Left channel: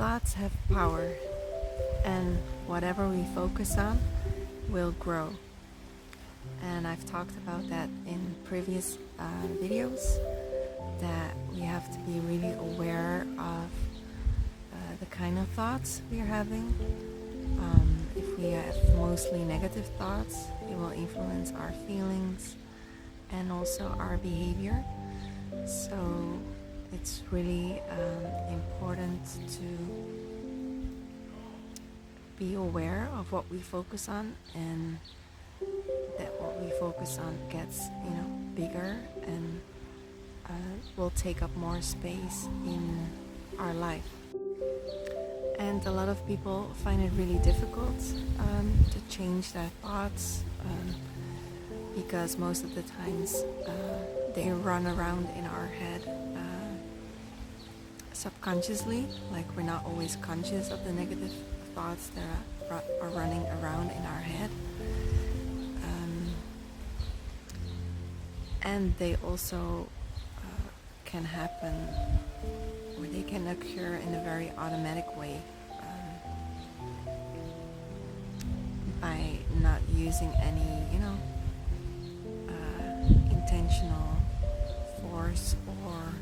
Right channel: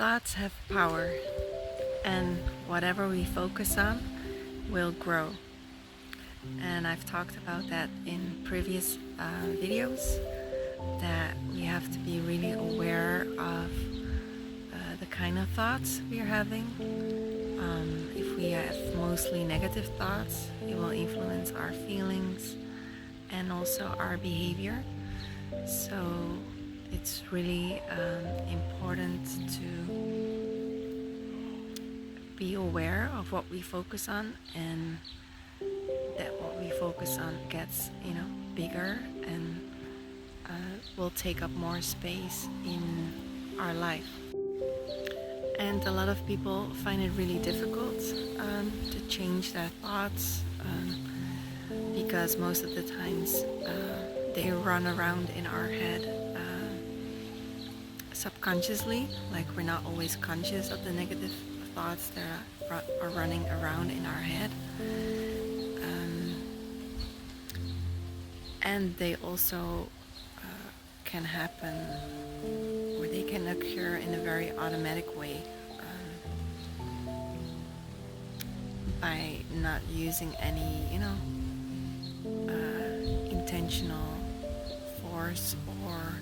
Thoughts have power, and whatever we focus on will grow. And I've talked about that in previous videos, that we have to be really aware of the kind of thoughts we are having. If we have mostly negative thoughts, it will influence our feelings and also our behavior. So it's really important to be aware of what we focus on, and that what we focus on gets bigger and will take up more space in our life. And a lot of people find it really difficult to change their thoughts because most of the times they run around in our head subconsciously, like we're not always conscious of the negative thoughts that are running around in our head. And they also can happen, or they can occur in a very automatic way by not using any intentional force, or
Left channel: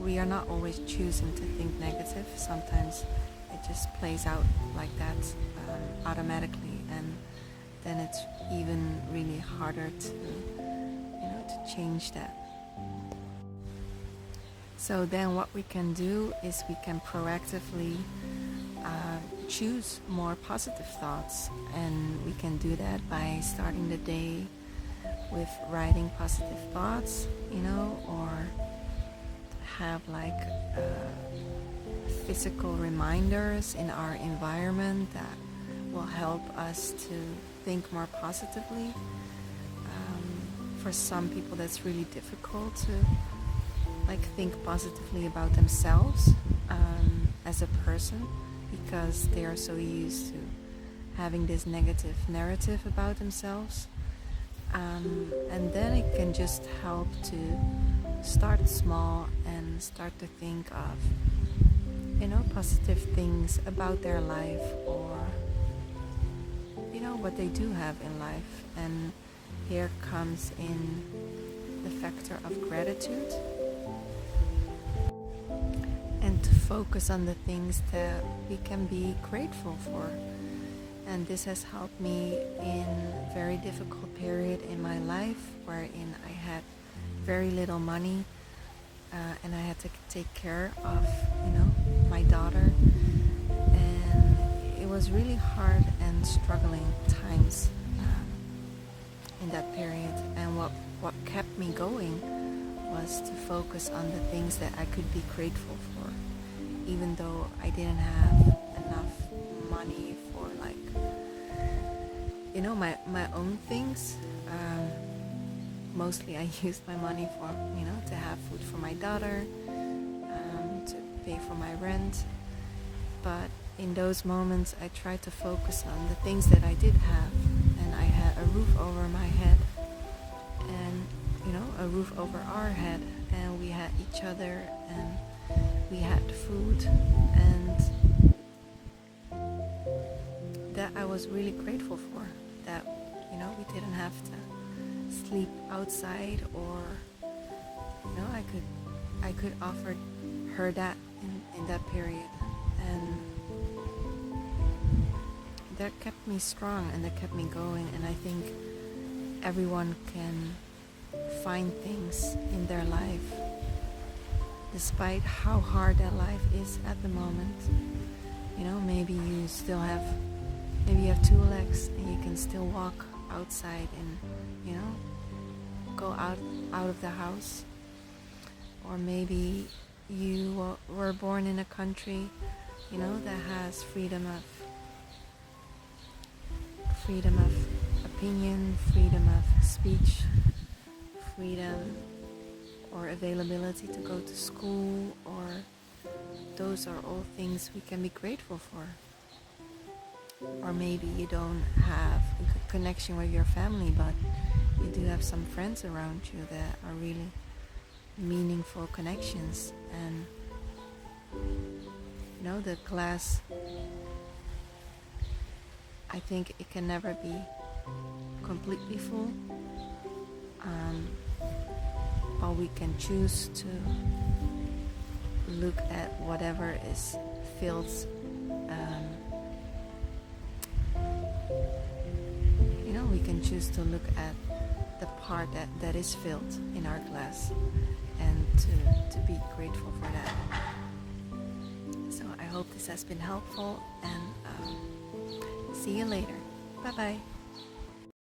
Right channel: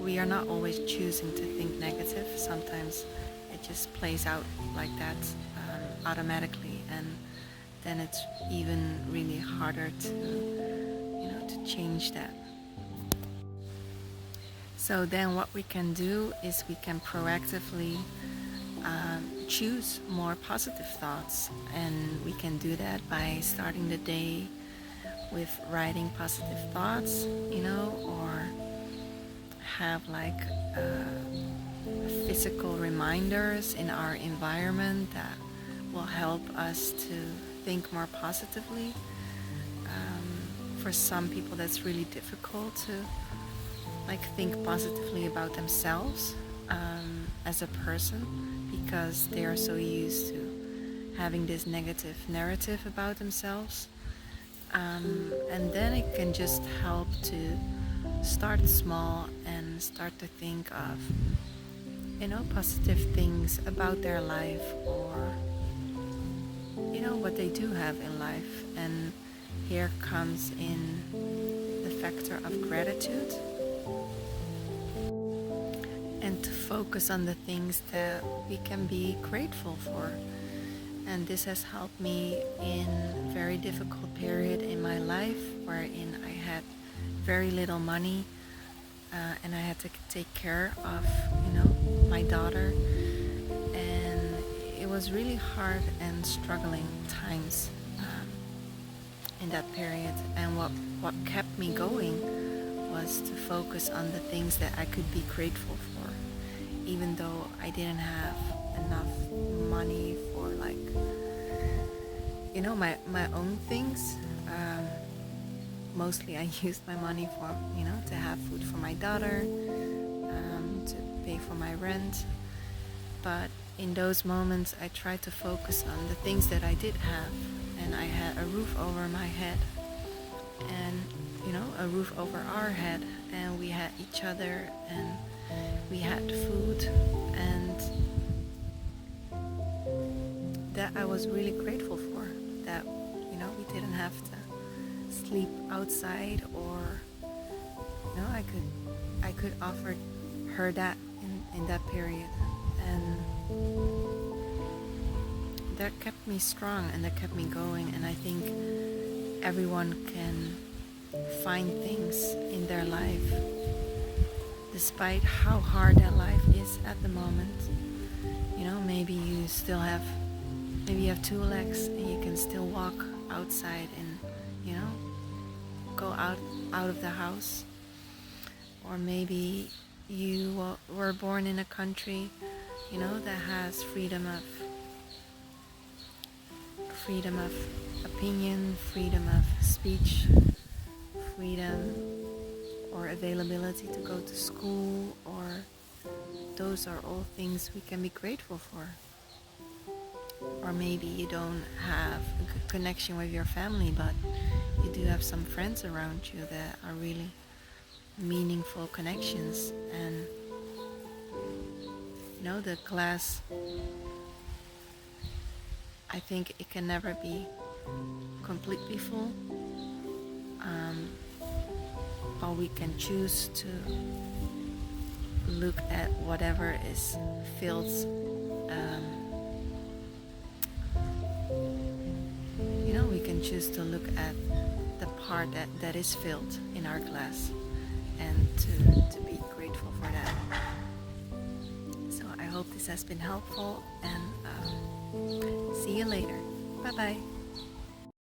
we are not always choosing to think negative. Sometimes it just plays out like that automatically, and then it's even really harder to change that. So then what we can do is we can proactively choose more positive thoughts, and we can do that by starting the day with writing positive thoughts, or have like physical reminders in our environment that will help us to think more positively. For some people that's really difficult to think positively about themselves as a person, because they are so used to having this negative narrative about themselves. And then it can just help to start small and start to think of positive things about their life, or what they do have in life. And here comes in the factor of gratitude, and to focus on the things that we can be grateful for. And this has helped me in a very difficult period in my life, wherein I had very little money, and I had to take care of my daughter, and it was really hard and struggling times in that period. And what kept me going was to focus on the things that I could be grateful for, even though I didn't have enough money for my own things. Mostly I used my money for to have food for my daughter, to pay for my rent. But in those moments I tried to focus on the things that I did have, and I had a roof over my head, and a roof over our head, and we had each other, and we had food, and that I was really grateful for. That we didn't have to sleep outside, or I could offer her that in that period, and that kept me strong, and that kept me going. And I think everyone can find things in their life, despite how hard their life is at the moment. Maybe you have 2 legs and you can still walk outside and go out of the house. Or maybe you were born in a country that has freedom of opinion, freedom of speech, freedom or availability to go to school, or those are all things we can be grateful for. Or maybe you don't have a good connection with your family, but you do have some friends around you that are really meaningful connections. And the glass, I think it can never be completely full, but we can choose to look at whatever is filled. We can choose to look at the part that is filled in our glass, and to be grateful for that. So I hope this has been helpful, and see you later. Bye bye.